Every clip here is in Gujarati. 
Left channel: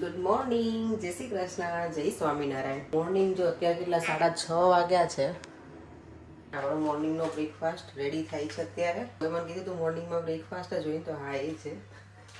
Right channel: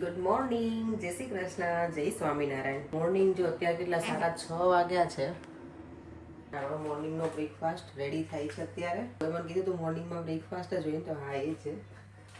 ગુડ મોર્નિંગ, જય શ્રી કૃષ્ણ, જય સ્વામિનારાયણ. મોર્નિંગ જો અત્યારે કેટલા 6:30 વાગ્યા છે. આપણો મોર્નિંગનો બ્રેકફાસ્ટ રેડી થાય છે અત્યારે. કોઈ મને કીધું તું મોર્નિંગમાં બ્રેકફાસ્ટ જ હોય તો હા એ છે,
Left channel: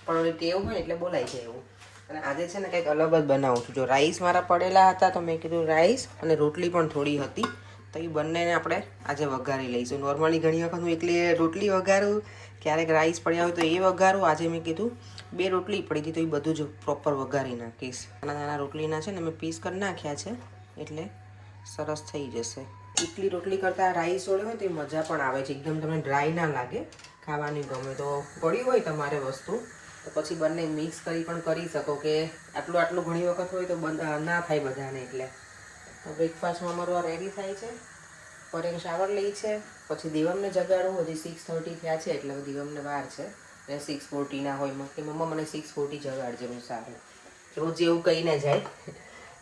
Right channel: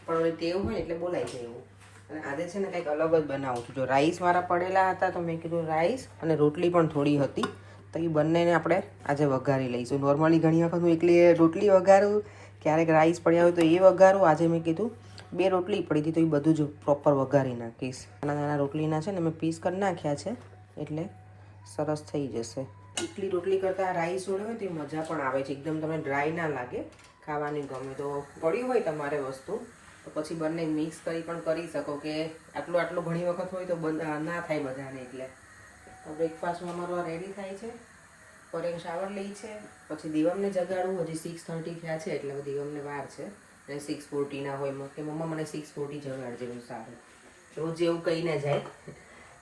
પણ ઓલી ટેવ હોય એટલે બોલાય છે એવું. અને આજે છે ને કંઈક અલગ જ બનાવું છું. જો રાઈસ મારા પડેલા હતા તો મેં કીધું રાઈસ અને રોટલી પણ થોડી હતી તો એ બંનેને આપણે આજે વઘારી લઈશું. નોર્મલી ઘણી વખત હું એકલી રોટલી વઘારું, ક્યારેક રાઈસ પડ્યા હોય તો એ વઘારું. આજે મેં કીધું 2 રોટલી પડી હતી તો એ બધું જ પ્રોપર વઘારી નાખીશ. નાના નાના રોટલીના છે ને મેં પીસ કરી નાખ્યા છે એટલે સરસ થઈ જશે. એકલી રોટલી કરતાં રાઈસ જોડે હોય તો એ મજા પણ આવે છે, એકદમ તમને ડ્રાય ના લાગે, ખાવાની ગમે. તો પડ્યું હોય તમારે વસ્તુ તો પછી બંને મિક્સ કરી પણ કરી શકો કે આટલું ઘણી વખત હોય તો ના થાય બધાને. એટલે તો બ્રેકફાસ્ટમાં અમારું આ રેડી થાય છે. પરેશ શાવર લે છે, પછી દિવમને જગાડવું. હજી 6:30 થયા છે એટલે દિવમને વાર છે. અને 6:40 ના હોય કે મમ્મા મને 6:40 જગાડજે. હું સારું રોજ એવું કહીને જાય.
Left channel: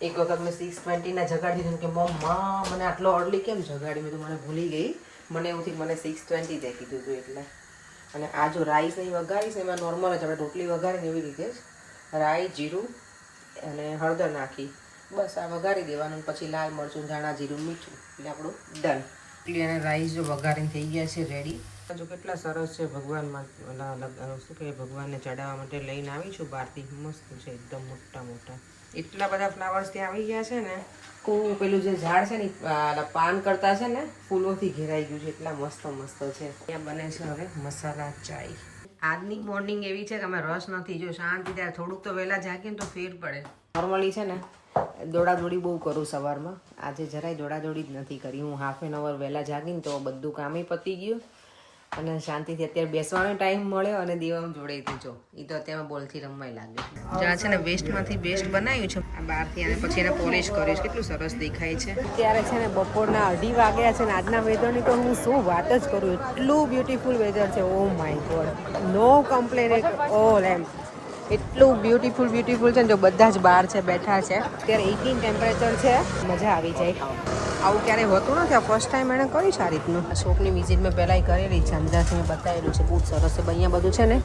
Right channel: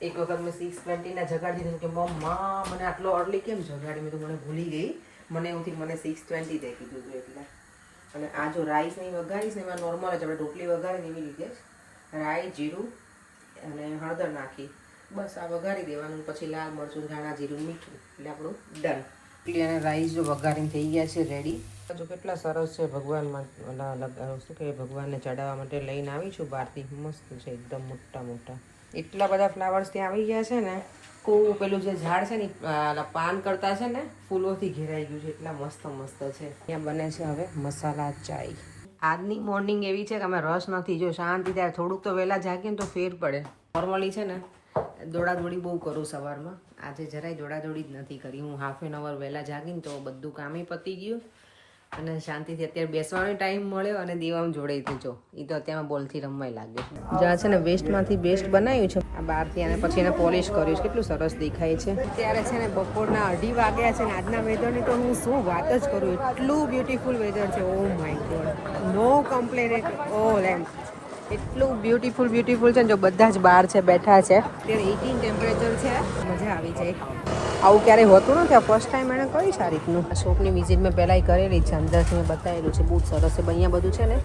એક વખત મેં 6:20 ના જગાડી દીધું કે મમ્મા મને આટલો અર્લી કેમ જગાડી. મેં તો મને ભૂલી ગઈ, મને એવું થયું મને 6:20 દે કીધું હતું એટલે. અને આ જો રાઈસ નહીં વઘારીશ એમાં નોર્મલ જ આપણે રોટલી વઘારીને એવી રીતે જ રાઈ, જીરું અને હળદર નાખી બસ આ વઘારી દેવાનું. પછી લાલ મરચું, ધાણા, જીરું, મીઠું એટલે આપણું ડન. રોટલી અને રાઈસ જો વઘારીને થઈ ગયા છે રેડી. જો કેટલા સરસ છે. ભગવાનમાં શું કહે, ભગવાનને ચડાવવા માટે લઈને આવી છું બહારથી. મસ્ત છે એકદમ મોટા મોટા. એટલા બધા ફ્લાવર્સ ત્યાં આવી ગયા છે ને. પેલું જે ઝાડ છે ને પાન કરતા છે ને ફૂલોથી ઘેરાઈ ગયું છે. એટલા મસ્ત મસ્ત છે. ત્યાં બને છે હવે મસાલા ચાય. આજની મોર્નિંગ એવી છે કે અમે રસ નથી. જો શાંતિ ત્યારે થોડુંક તો વહેલા જાગીએ ને તો ફેર પડે. નોર્મલી છે ને દોડાદોડી બહુ કરું સવારમાં. આજે જરાય દોડાદોડી જ નથી કરી. હું હાફ એન અવર વહેલા જાગીને તો બધું કામે પતી ગયું અને શાંતિથી અત્યારે બેસવાનો ટાઈમ મળ્યો. અને દેવામ જોડે જો એ તો અત્યારમાં બોલથી રમવાય લાગે. જ્યાં છે ને વેસ્ટમાંથી બેસ્ટ બનાવ્યું છે આ બહારથી, અને પછી એને પોલિશ કર્યું છે. કેટલું સરસ દેખાય છે. ત્યારે છે ને બપોરના 2:30 વાગ્યા છે ને આજના વેધરની તો હું શું વાત જ કરું. એટલું બ્યુટીફુલ વેધર છે. Oh my God, no complain at all. એમ એટલું બ્યુટીફુલ છે ને. જો બધા જ બહાર છે, બેઠા છે. અત્યારે 18 ટેમ્પરેચર છે. મજા આવી જાય. આવું ક્યારેય હોતું નથી. આ ફર્સ્ટ ટાઈમ એણે કરી છે આ રીતનું. આ શોપની વિઝિટ મેં પહેલાંય કરેલી છે. અંદરથી મેં બતાવેલું છે. બહુ જ સરસ છે. અહીંયા બધું છે ને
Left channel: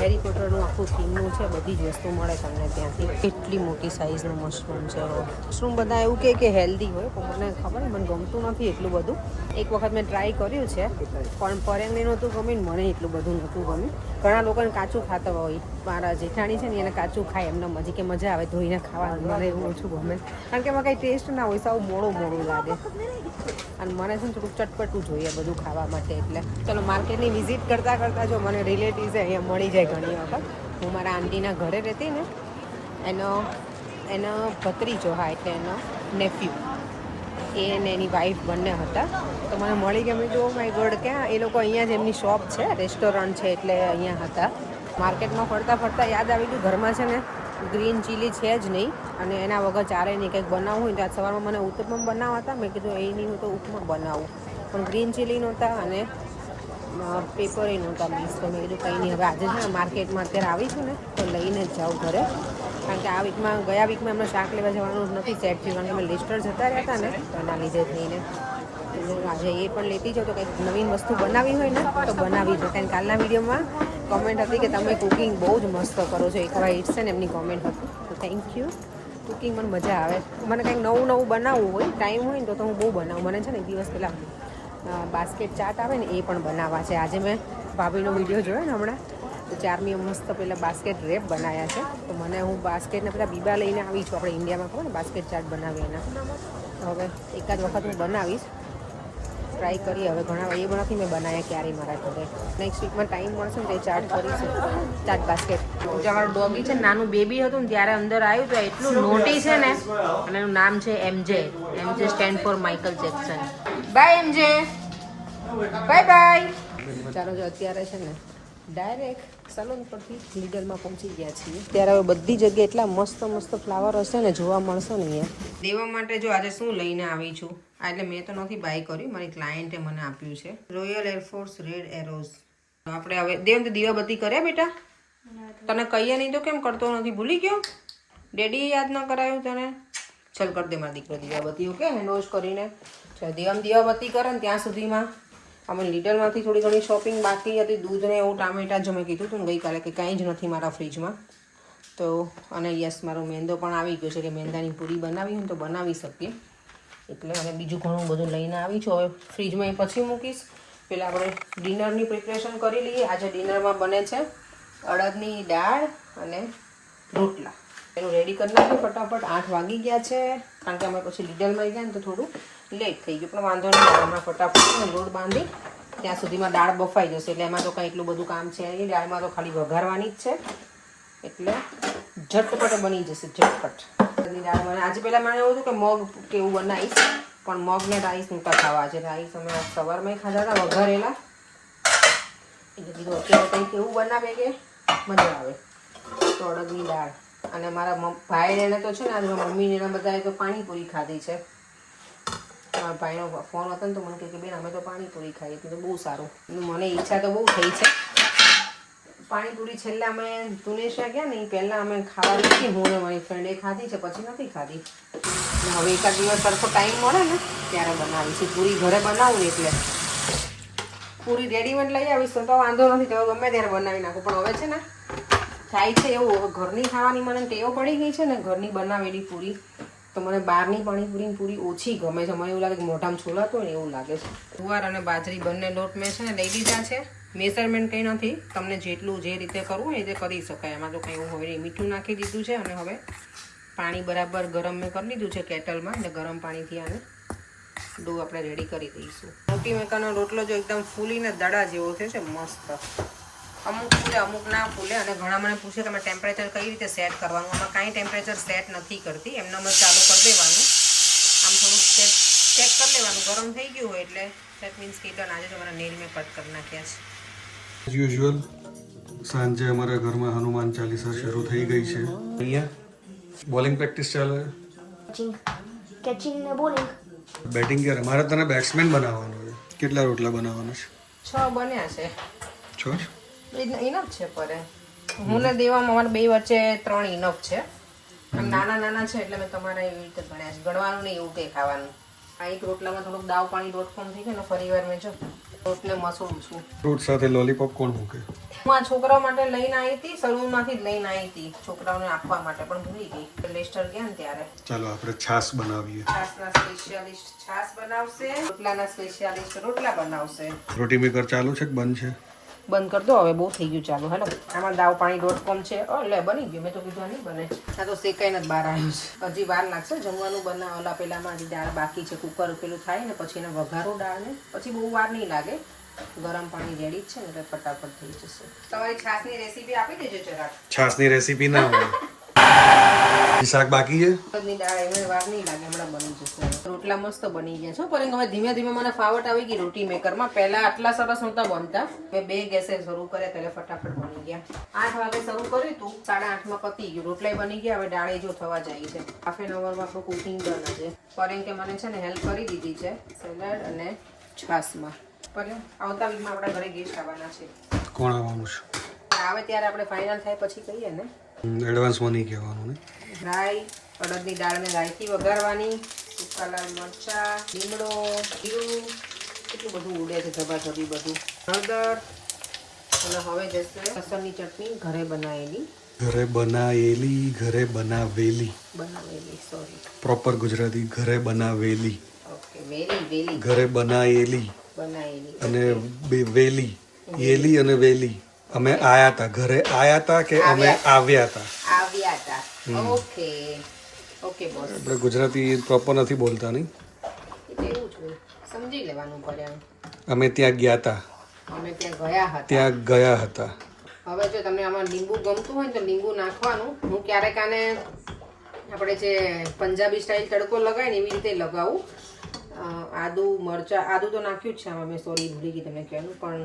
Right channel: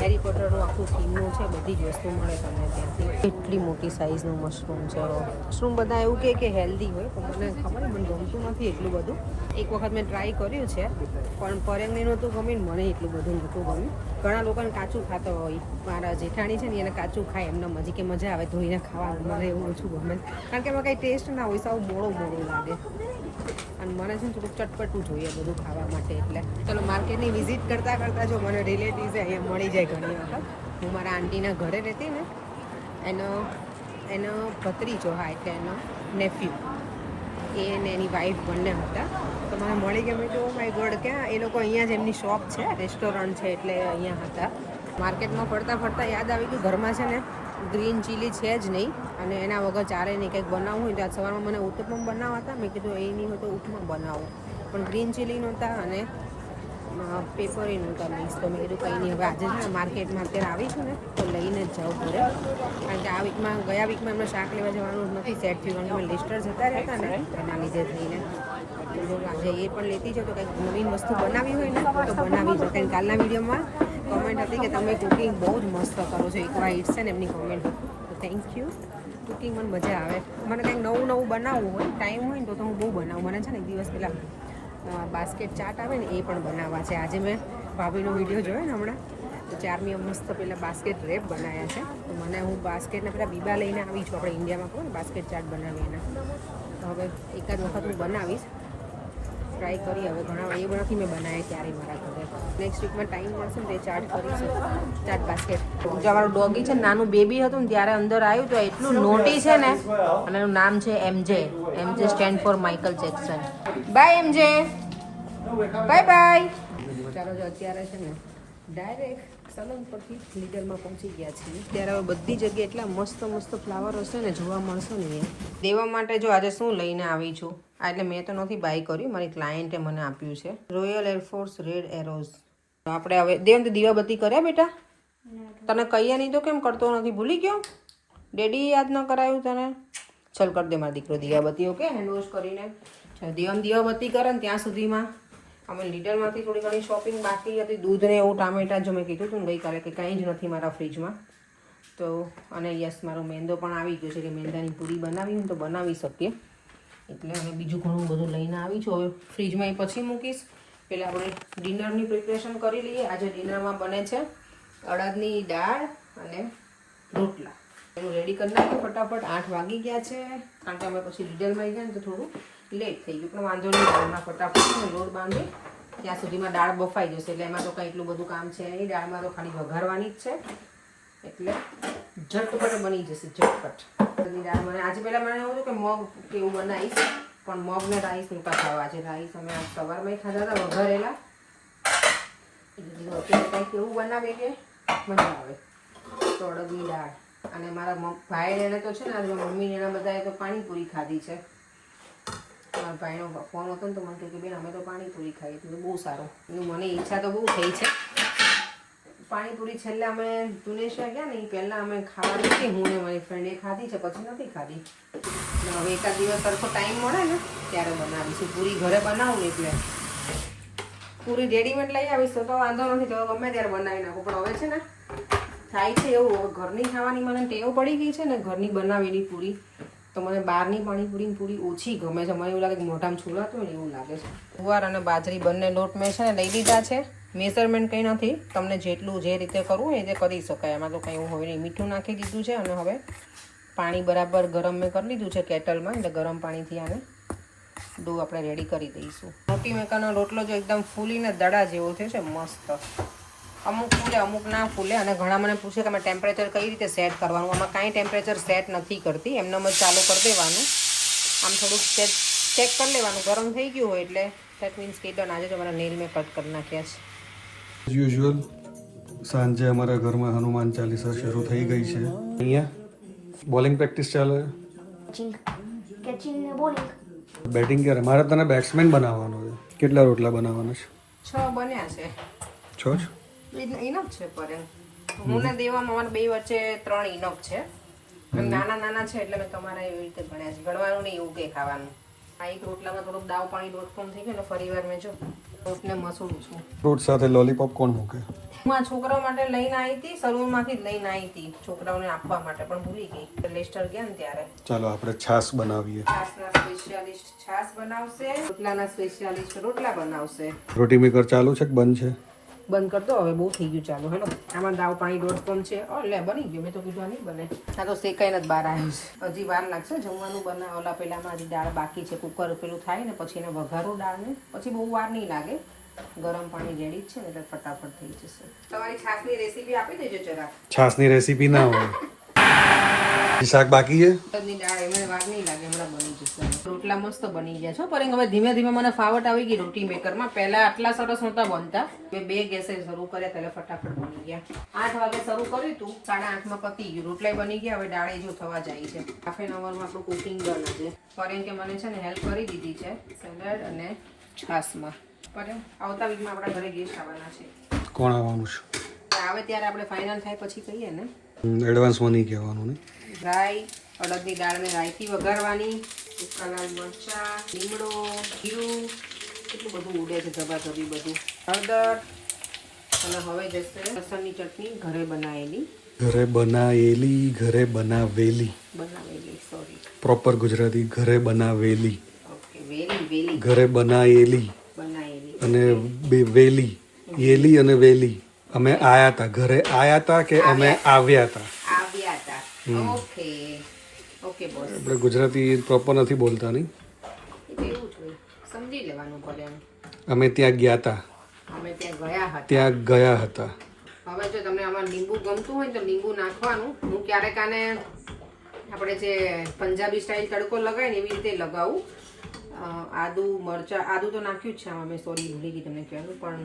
હેરી પોટરનું આખું થીમનું છે. બધી જ વસ્તુ મળે તમને ત્યાંથી. એટલી મોટી સાઇઝનું મશરૂમ છે. મશરૂમ બધા એવું કે હેલ્ધી હોય પણ મને ખબર નહીં, મને ગમતું નથી એટલું બધું. એક વખત મેં ટ્રાય કર્યું છે પણ પરેંગને નહોતું ગમ્યું, મને એટલું બધું નહોતું ગમ્યું. ઘણા લોકોને કાચું ખાતા હોય. મારા જેઠાણી છે ને એને કાચું ખાય એમને મજી કે મજા આવે ધોઈને ખાવાનું. મને એવું ઓછું ગમે કારણ કે એમાં કંઈ ટેસ્ટ ના હોય, સાવ મોડું લાગે. અને મને છે ને થોડુંક ચટપટું જોઈએ બધું ખાવા માટે. એટલે ચલો માર્કેટની વિઝિટ કરતાં જો મને રિલેટિવ્સ અહીંયા મળી જાય ઘણી વખત. હું મારા આંટીના ઘરે રહેતી ને એનો ભત્રીજો, હા એટલે એનો નેફ્યુ, એ ને એની વાઈફ બંને હતા. તો મને મળી ગયા. તો માય ગોડ, ત્યાં એ લોકો અહીંયા જ એમની શોપ છે, રેસ્ટોરન્ટ છે એટલે અહીંયા હતા. માર્કેટમાં ફરતા યાદ આવી ગયું ઘરમાં છે ને ગ્રીન ચીલી છે જ નહીં અને એના વગર ચારે નહીં. કંઈક બનાવવું હોય તો આજ સવારમાં મને ઉત્તપમ બનાવવા હતા. મેં કીધું એ નહીં હોય તો ઉપમા બનાવું, પણ ગ્રીન ચીલી નહોતા અને પેપર નહોતા મિક્સ. તો મેં કીધું કંઈ નહીં, હવે આજે છે ને માર્કેટમાં અત્યારે આવીશું ને તો લઈને જ જાઉં ઘરે. કારણ કે ગયા વીકમાં એમને શાક લેવા જવાનું નથી સેટ થયું, કારણ કે અમે લિસ્ટર જતા રહ્યા હતા ને એના લીધે થઈને. આજે એ પણ લેતી જાઓ તો કંઈક નવીન વસ્તુ બનાવી હોય ને તો બનાવી દો. કારણ કાલના વિડીયોમાં કોમેન્ટ હતી કે તમે કુકિંગ બહુ જ મસ્ત કરો છો. એકવાર ઇટ્સ ને એમની કોમેન્ટ હતી, તો થેન્ક યુ. કુકિંગ મને મજા આવે. મને કંઈક નવું બનાવવું હોય, ટાઈમ હોય ને તો હું બહુ બનાવું. મને છે ને એક દિવસ પહેલાં બાસ્કેટ ચાટ આવે ને એ પણ બનાવવા છે. આજે મેં ભાભીનો વિડીયો જોયો ને હમણાં, તો ચારની મસ્ત પહેલાં બાસ્કેટ રેપ બનાવ્યા છે. તો મને હું બાસ્કેટના પેલા બીબા લઈને આવી છું. આપણે ઇન્ડિયામાં કહો ને બાસ્કેટ ચાટ બનાવીએ એના. તો હવે એકાદ વખત હું બનાવીશ, ટ્રાય કરી. હવે ઘણા એ નથી મેં બનાવ્યા ક્યારેય મારા ઘરે. નેક્સ્ટ વીકમાં ટાઈમ મળશે ને તો એ ચાટ કરીશું, ચાટ બાસ્કેટ. જો અમારું ડોગી છે, નાનું બેબી હતું ને ત્યારે અંદર આવ્યું તો એટલું નોટી છે ને. અને એનું નામ છે MJ. MJ stand for Michael Jackson. Bye MJ, bye bye. ચાલો જો અત્યારે છે ને ડાયરેક્ટ સલૂન પરથી લીડરમાં પહોંચી ગયા છીએ. ત્યારે હવે બધી જગ્યાએ એટલા મસ્ત ફ્લાવર હશે ને, જોવા મળશે ને અહીંયા. દેવા માટે જો આજે શું લઈને આવી છું, એટલે મેં તો નથી બાય કર્યું, મારી ક્લાયન્ટે મને આપ્યું છે. Royal air force red arrows. આપણે હવે દેવ દીવાબત્તી કર્યા બેટા? તને કહીએ નહીં તો કેમ કરતો નથી? ભૂલી ગયો? ડેડી યાદ ન કરાયું તને? ચાલ કરી દે મારી દીકરી દીવાબત્તી. ઓકે, હેન્ડ વોશ કરીને દેવમ દીવાબત્તી કરે ને ત્યાં સુધીમાં અમે લીડરમાંથી થોડી ઘણી શોપિંગ બાકી હતી. દૂધ ને એવું, ટામેટા જો મેં કીધું હતું ને ગઈકાલે કે કંઈ જ નથી મારા ફ્રીજમાં, તો અને યસ મારો મેંદો પણ આવી ગયો છે કે મેંદાની પૂરી બનાવી હોય તો બનાવી શકીએ. એટલે અને બીજું ઘણું બધું લઈને આવી છું. હવે ફ્રીજમાં એ પછી મૂકીશ. પહેલાં આપણે ડિનરની પ્રિપરેશન કરી લઈએ. આજે ડિનરમાં બને છે અડદની દાળ અને રોટલા. એનું રેડી કરી નાખ્યું ફટાફટ. 8 વાગી ગયા છે, કારણ કે અમે પછી ડિટેલમાં ગયા ને તો થોડું લેટ થઈ ગયું, પણ વાંધો નહીં. હમણાં ફટાફટ લોટ બાંધી ત્યાં સુધીમાં દાળ બફાઈ જશે. એટલે એમાં તો કંઈ એટલું બધું કામ છે નહીં. દાળમાં તો ખાલી વઘારવાની જ છે, એટલે ઝટપટ બની જશે. ઝટપટ દાળ બને. આજે પહેલાં મને એવું હતું કે મગ કેવું બનાવીશ, પણ મગ ને રાઈસ નહોતા ખાવા. છે રાઈસ અમે સવારમાં ખાધા હતા વઘારેલા, એટલે કીધું અત્યારે કંઈક એવું બનાવે કે મજા આવે. તો અડદની દાળ અને મારા ભાઈને એને તો છે ને આજે મમ્મીને એના બધાએ તો પાણીપુરી ખાધી છે. મારા ભાઈનો ફોન હતો ને તો મને કહે કે બેન અમે તો પાણીપુરી ખાઈએ. તો બહુ સારું. મને ઈચ્છા તો બહુ થઈ છે પાણીપુરી. છેલ્લે અમે તુનેશિયા ગયા ને એ પહેલાં અમે ખાવા નથી, હું ને મારી ફ્રેન્ડે ખાધી છે, પછી નથી ખાધી. હવે એકાદ દિવસ સરખો ટાઈમ મળે ને ત્યારે બનાવીશું. પૂરી ઘરે બનાવું ને એટલે પૂરી રેડીમેડ લઈ આવીશ તો વાંધો નથી, તો ગમે ત્યારે બનાવી નાખું. પણ હવે છે ને થાય છે એવું, હવે ઘરની ખાવાની મને ટેવ પડી ગઈ છે ને ઘરની બનાવેલી પૂરી, તો મને બહારની પાણીપુરીની પૂરી ઓછી ગમે છે. મને એવું લાગે કે મોઢામાં છોલાતું હોય ને એવું લાગે છે. જુવાર અને બાજરી બંને લોટ મેં છે ને લઈ લીધા છે. મેઝરમેન્ટ કંઈ નથી, તમને જેટલું જે રીતે કરવું હોય એ રીતે કરી શકાય. એમાં તો કંઈ એવું હોય નહીં. મીઠું નાખી દીધું છે અને હવે પાણી બરાબર ગરમ મેં કરી લીધું છે કેટલમાં, એટલે ગરમ પાણીથી આને ડો આપણે રેડી કરી દઈશું. રોટી મેકાનો રોટલો જો એકદમ ફૂલીને દડા જેવો થયો છે, મસ્ત. અમુક ફૂલે અમુક ના ફૂલે. અને ઘણા મને પૂછે તમે ટેમ્પરેચર કઈ રીતે સેટ કરવાનું. આમાં કાંઈ ટેમ્પરેચર સેટ નથી કરતી, એમને જ ચાલુ કરી દેવાનું. આમ થોડુંક ચેક કરી લેવાનું. ગરમ થઈ ગયું હોય એટલે સેટ મીન્સ કે ડન. આજે તો મારા નેલ મેં કટ કરી નાખ્યા છે. એઝ યુઝ્યુઅલ સાંજે અમારા ઘરમાં હનુમાન ચાલીસા શરૂ થઈ ગઈ છે. અહીંયા બોલિંગ પ્રેક્ટિસ ચાલે. કેચિંગ ને બોલિંગ. બેટિંગ ક્યારે? મારે તને બેટ્સમેન બનાવવાનો છે. કેટલા રોટલા બનાવવાના છે? 6 બન્યા છે. 6 ઇનફ છે પર હું ને દેવામાં અમારે 2 વચ્ચે 3 ઇનફ છે. આમ નાના નાના છે એટલે મેં તમારા એવી રીતે ગણ્યા છે. ગણવાનું નહીં એવું કંઈ ખાવાનું. આ એક રોટલામાં થોડુંક દાવ પાણી .com થઈ ગયું ને ફરી વાર મેં જો રોટને મસળું છું. ફ્રૂટ સાથે લોલીપોપ કોણ મૂકે? હું આ છોકરાઓ માટે લઈને આવી હતી, સલૂનમાંથી જ લઈને આવી હતી છોકરાઓને આપવા માટે, પણ ભૂલી ગઈ. લેસ્ટર ગયા ને ત્યારે. ચાલો આપણે છાશ બનાવીએ. છાશના સ્પેશિયાલિસ્ટ છાશ બનાવશે, રોટલાના સ્પેશિયાલિસ્ટ રોટલા બનાવશે. રોટી મેકર ચાલુ છે કે બંધ છે? બંધ કરતો, હવે બહુ થઈ ગયું ચાલુ. હેલો, આમાં દાવ પાણી .com છે. એટલે બની ગયું. મેં તો કીધું નહીં બને. આ તો શેકાઈને જ બહાર આવ્યું છે. હજી વાર લાગશે જમવાનું બનાવ. ઓલા પેલામાં હજી દાળ બાકી છે. કુકર પેલું થાય ને પછી એને વઘારો દાળને, પછી બહુ વાર નહીં લાગે. ગરમ પાણી રેડી જ છે ને એટલે ફટાફટ થઈ જશે. તમારી છાશની રેસીપી આપી દેજો જરાક. છાશની રેસીપી ના હોય. શાક બાકી છે. અડદની દાળ એને વાર નહીં લાગે, હમણાં બની જશે. રોટલા મસ્ત બની ગયા છે. પરંતુ હવે ધીમે ધીમે મને ફાવટ આવી ગઈ રોટી મેકરમાં. પહેલા આટલા સરસ નહોતા બનતા. મેં 2 ગેસે શરૂ કર્યા એટલે ફટાફટ બની ગયા. 8 વાગે શરૂ કર્યું હતું, 8:30માં પતી ગયું. રોટલા બની ગયા. હવે દાળે જો થવા જાય છે. હાફ એન અવરમાં આપણું કુકિંગ ડન છે. પરંતુ મને છે ને હેલ્પ કરી દીધી છે સલાડ અને છાશમાં. પર આવતા વીકમાં આપણા ઘરે ગેસ્ટ આવવાના છે. કોણ આવવાનું છે? આવે ત્યારે આપણે ફાઇનલ થાય પછી કહીએ ને. એડવાન્સમાં નહીં કહેવાનું ને. રાઈ, અડદની દાળને રાઈથી વઘારવાની, સૂકા લાલ મરચા, લીમડો, જીરું, કેટલું બધું ઉડે છે ધબાધબી બધું, હળદર. અને હવે જશે લસણની ચટણી ઘરે બનાવેલી. ઘરે બનાવેલી સોરી, પ્રોપર ગુજરાતી. ઘરે બનાવેલી. ઓકે, વેલી ઘરે બનાવેલી અને વેલી. યેલી અને વેલી. અમે આયા હતા. ઘરે આયા હતા કે અમે આવ્યા હતા? Okay okay boss. આપણે ગુજરાતી પ્રોપર નથી બોલતા નહીં. એવું છે, સમજી લેવાનું પડે. અમે ત્યાં ગયા હતા. અમે ત્યાં ગયા હતા. હવે જો તમને આમાં લીંબુ ગમતું હોય ને તો લીંબુ નાખવાનું. હું ક્યારેક આને આપણે જે પંજાબી સ્ટાઇલ તડકો લગાવીએ ને એવી રીતે લગાવું. આદુ મરચાં, આદુ તો નાખ્યું જ છે આમાં મેં, સોરી ભૂલી ગઈ તમને કહેવાનું. પણ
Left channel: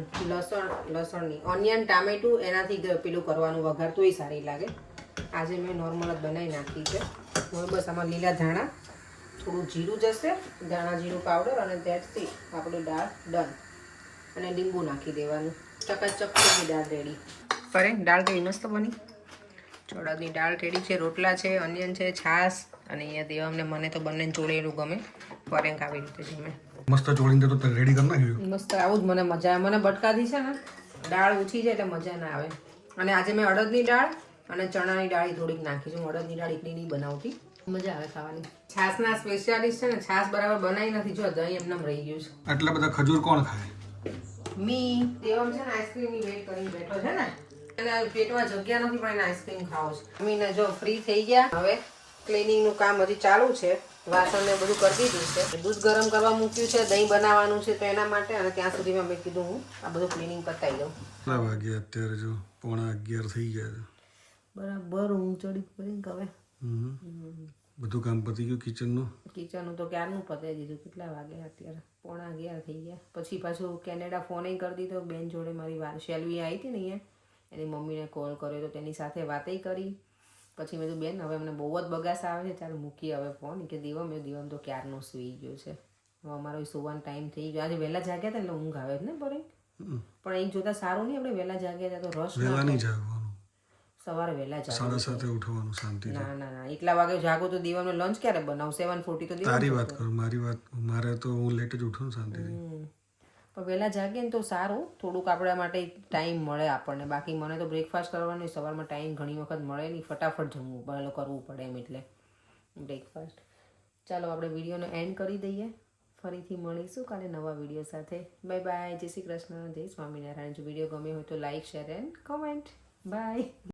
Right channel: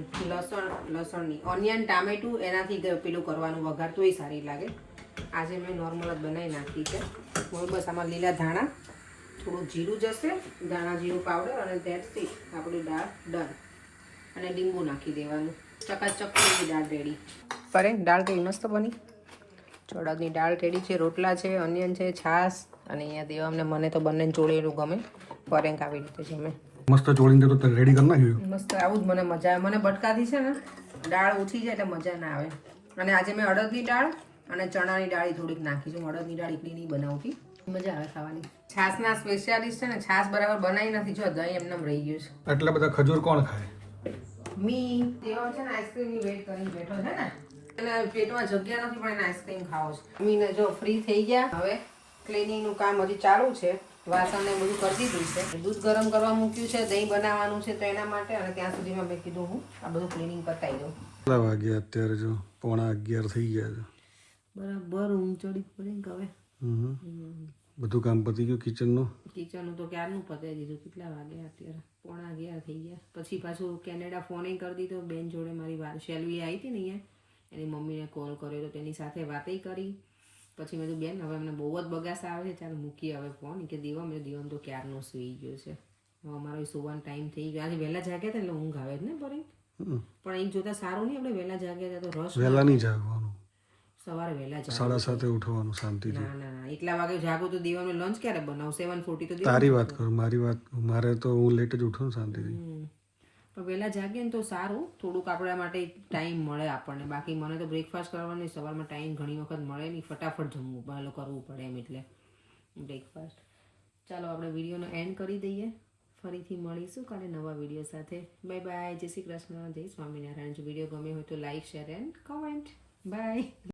લસણની ઓનિયન ટામેટું એનાથી પેલું કરવાનું વઘાર તોય સારી લાગે. આજે મેં નોર્મલ જ બનાવી નાખી છે. હવે બસ આમાં લીલા ધાણા, થોડું જીરું જશે, ધાણા જીરું પાવડર, અને ધેટ્સ ઇટ. આપણી દાળ ડન. અને લીંબુ નાખી દેવાનું. ચકાચક દાળ રેડી. પરે દાળ કેવી મસ્ત બની. ચોળાની દાળ રેડી છે, રોટલા છે, ઓનિયન છે, છાશ. અને અહીંયા દેવામને મને તો બંને ચોળેલું ગમે. પરેંક આવી રીતે ગમે. મસ્ત ચોળીને તો રેડી કરી નાખ્યું. મસ્ત આવું જ મને મજા આવે. મને બટકાથી છે ને દાળ ઓછી છે એટલે મજા ના આવે. અને આજે મેં અડદની દાળ અને ચણાની દાળ થોડીક નાખી છે. અડદની દાળ એકલી નહીં બનાવતી, મજા આવે ખાવાની. છાસના સ્પેશિયાલિસ્ટ છે ને, છાસ બરાબર બનાવી નથી. જો દહીં એમને રહી ગયું છે. આટલા બધા ખજૂર કોણ ખાય? મી દેવમ છે ને આઈસ્ક્રીમની વેટ કરીને બેઠો છે ને, એને પેટમાં જગ્યા નથી પણ એને આઈસ્ક્રીમ ખાવો છે. મીને જો ફ્રી થઈ ગયા. હવે ક્લિનિંગનું કામ હજી ચાલુ છે. વાસણ ને બધું કરી દીધું છે. દૂધ ગરમ કરવા મૂક્યું છે, દહીં બનાવવાનું છે તો એના માટે. અને ત્યાં સુધીમાં મેં કીધું હું આ બધું ક્લિનિંગ પતાવી દઉં. કેટલા વાગ્યા અત્યારે? જો 11:15 થઈ ગયા છે. બરાબર ઊંઘ ચડી પડી હવે. બધું કામ પતી ગયું કિચનનું? કિચનનું તો ક્યારનું પતાવી દીધું. કેટલા વાગ્યા અત્યારે? 11:15 થઈ ગયા. પછી પાછું કેનેડા ફોન કરી દીધો. બેન જોડે મારી વાત શેલવી આવી હતી ને અહીંયા, એની મમ્મીને કોલ કર્યો તો તેની સાથે વાતે કરી. પછી મેં કીધું બેન હવે મને બહુ જ બગાસ આવે છે, ચાલ મૂકી હવે ફોન. કે દીવમ તો ક્યારનો સૂઈ ગયો છે. હવે અમારો સુવાનો ટાઈમ થઈ ગયો. આજે વહેલા જાગ્યા હતા એટલે ઊંઘ આવે જ ને પરે. પણ એ જોતા સારું નહીં, આપણે વહેલા જાગ્યા હતા તો રસ. વહેલા નહીં જાગવાનું, સવારે વહેલા જાગ. 7:30 ઉઠવાનું શાંતિથી. ના ના ના, એટલા વાગે જાગો તો દીવાનો લંચ ક્યારે બનાવું? 7:40 તો તારી વાત કરું, મારી વાત. મારે તો હું લેટ જ ઉઠું શાંતિથી. પણ વહેલા જાગીએ ને તો સારું, થોડુંક આપણા માટે ટાઈમ મળે આપણને. બાકી મને તો બ્રેકફાસ્ટ કરવાનો સવારમાં ટાઈમ ઘણી વખત મળે નહીં, ફટાફટ જમવું પડે, કરવું પડે એમ એટલે બ્રેકફાસ્ટ. ચાલો આપણે વિડીયોનો એન્ડ કરી દઈએ. ફરીથી મળીશું કાલે નવા વિડીયો સાથે. Bye bye. જય શ્રી કૃષ્ણ, જય સ્વામિનારાયણ. જો વિડીયો ગમ્યો હોય તો like, share and comment. By.